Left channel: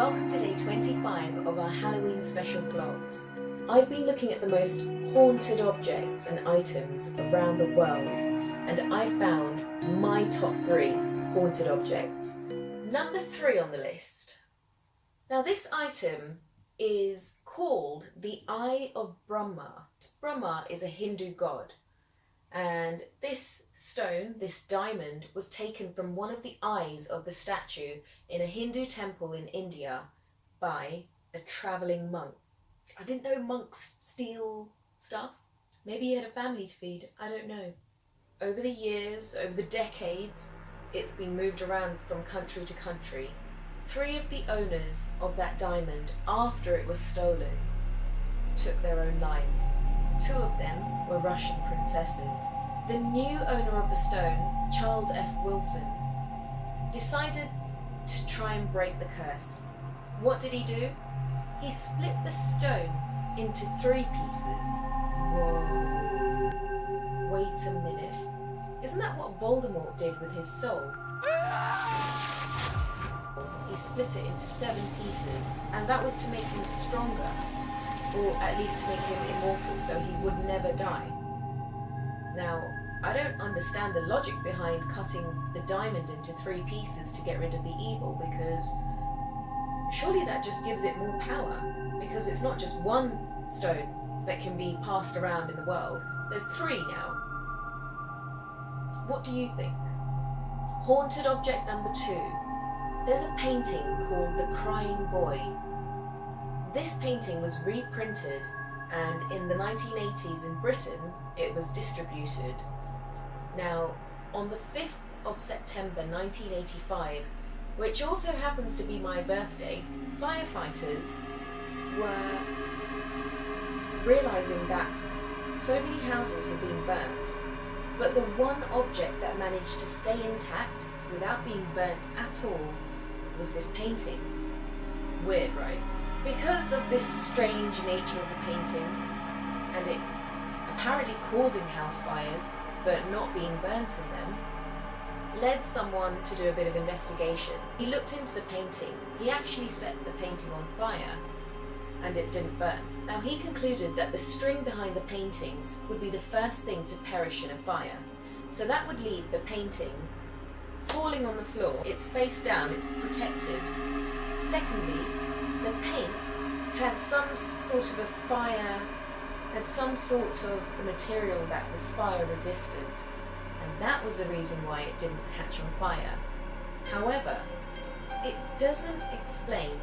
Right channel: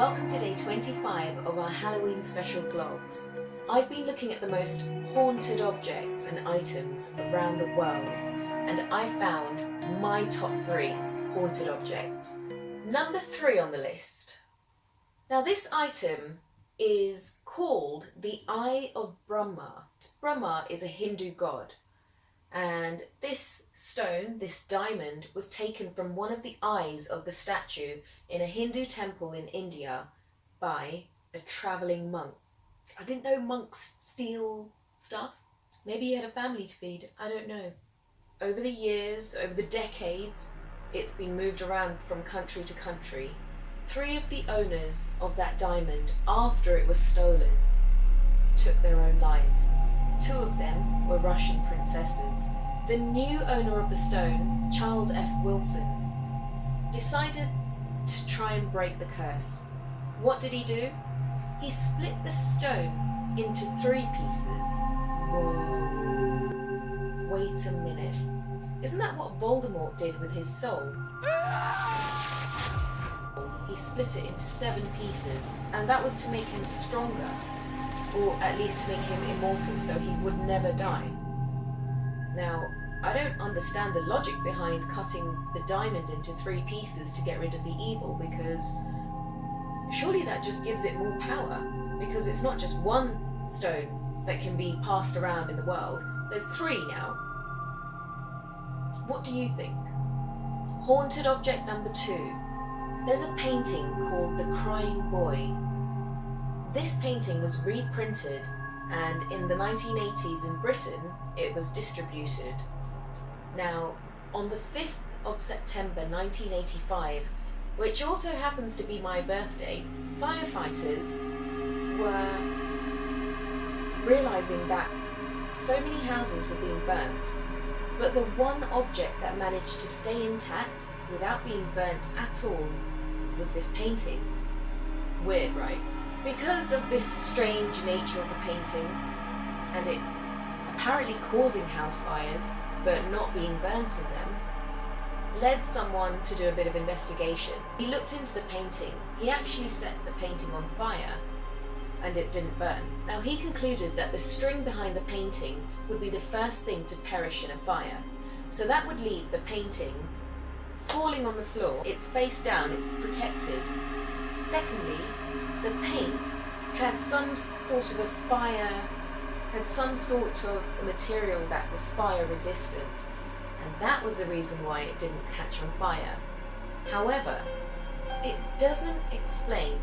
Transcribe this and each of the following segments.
welcome to day 25 of our Halloween special vlogs. I've been looking at the most haunted objects and items around the world, and I found my top 3 haunted objects. Number 3 on the list. Now this item is called the Eye of Brahma. Brahma is a Hindu god, and this stone, this diamond, was taken from one of the eyes of the statue in a Hindu temple in India by a travelling monk. I didn't know monks steal stuff. Maybe he had a family to feed, I don't know. Over the years, over the decades, it's been moved around from country to country. 3 of the owners of that diamond, after it was stolen, took their own lives. 2 of them were Russian princesses. The new owner of the stone, Charles F. Wilson, decided to try and break the curse. What did he do? He split the stone into 3 pieces. Whoa. Wait a minute. Isn't that what Voldemort did with his soul? He split it into 7 pieces, and that was to make him stronger, or at least to make him immortal so he would never die. Now, I don't understand the logic behind cutting the diamond into 3 pieces to get rid of the evil, because surely that just gives it more power, because it's not just 1 stone that can be passed around in the world, there's 3 now. What do you think? Haunted object number 2. There's a painting called The Crying Boy. This painting was reprinted, and in the 1980s in Britain it was distributed. Now, on the 5th of September 1985, which also happens to be my birthday, firefighters were realising that so many houses were being burnt, but the one object that managed to stay intact without being burnt at all was this painting. Weird, right? Because of this strange nature of the painting, and it apparently causing house fires but not being burnt in them, led someone to do a bit of investigation. He looked into the painting. He actually set the painting on fire and it didn't burn. Now he concluded that the string behind the painting would be the first thing to perish in a fire. So that would leave the painting falling on the floor. It's face down, it's protected. Secondly, the paint had some sort of a fire, had some sort of material that was fire resistant, and that was the reason why it didn't catch on fire. However, it doesn't explain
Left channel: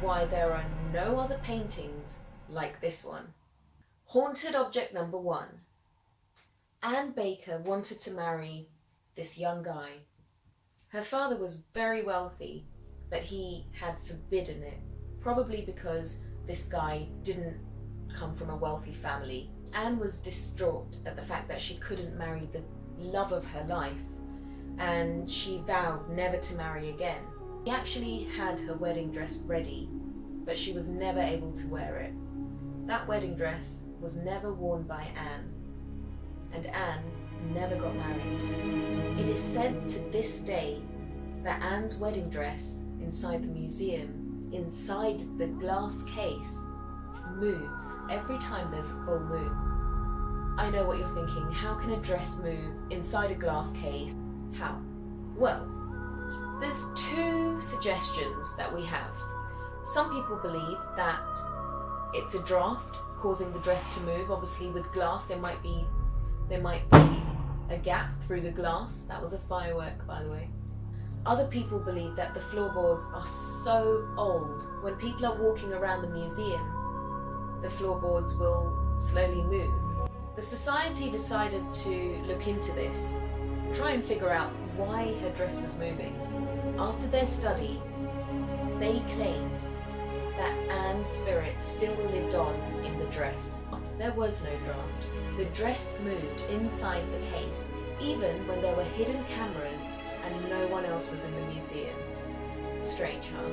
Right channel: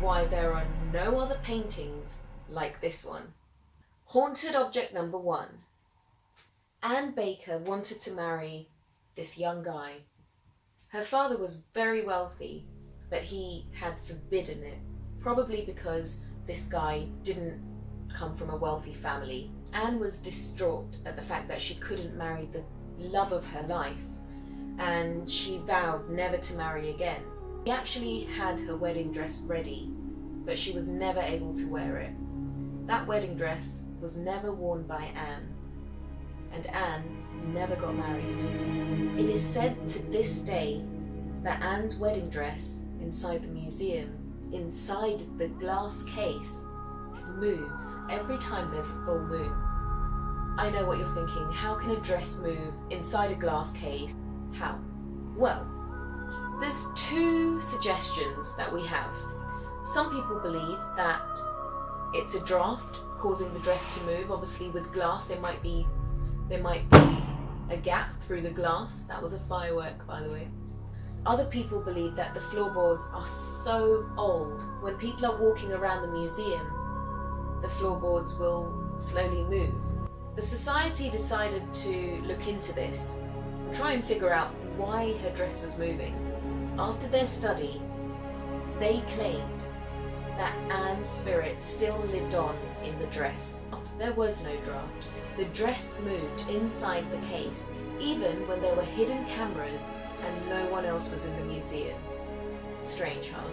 why there are no other paintings like this one. Haunted object number 1. Anne Baker wanted to marry this young guy. Her father was very wealthy, but he had forbidden it, probably because this guy didn't come from a wealthy family. Anne was distraught at the fact that she couldn't marry the love of her life, and she vowed never to marry again. She actually had her wedding dress ready, but she was never able to wear it. That wedding dress was never worn by Anne, and Anne never got married. It is said to this day that Anne's wedding dress inside the museum, inside the glass case, moves every time there's a full moon. I know what you're thinking, how can a dress move inside a glass case? How? Well, there's 2 suggestions that we have. Some people believe that it's a draft causing the dress to move. Obviously with glass there might be a gap through the glass. That was a firework, by the way. Other people believe that the floorboards are so old, when people are walking around the museum, the floorboards will slowly move. The society decided to look into this and try and figure out why her dress was moving. After their study, they claimed that Anne's spirit still lived on in the dress. There was no draft. The dress moved inside the case, even when there were hidden cameras and no one else was in the museum. Strange, huh?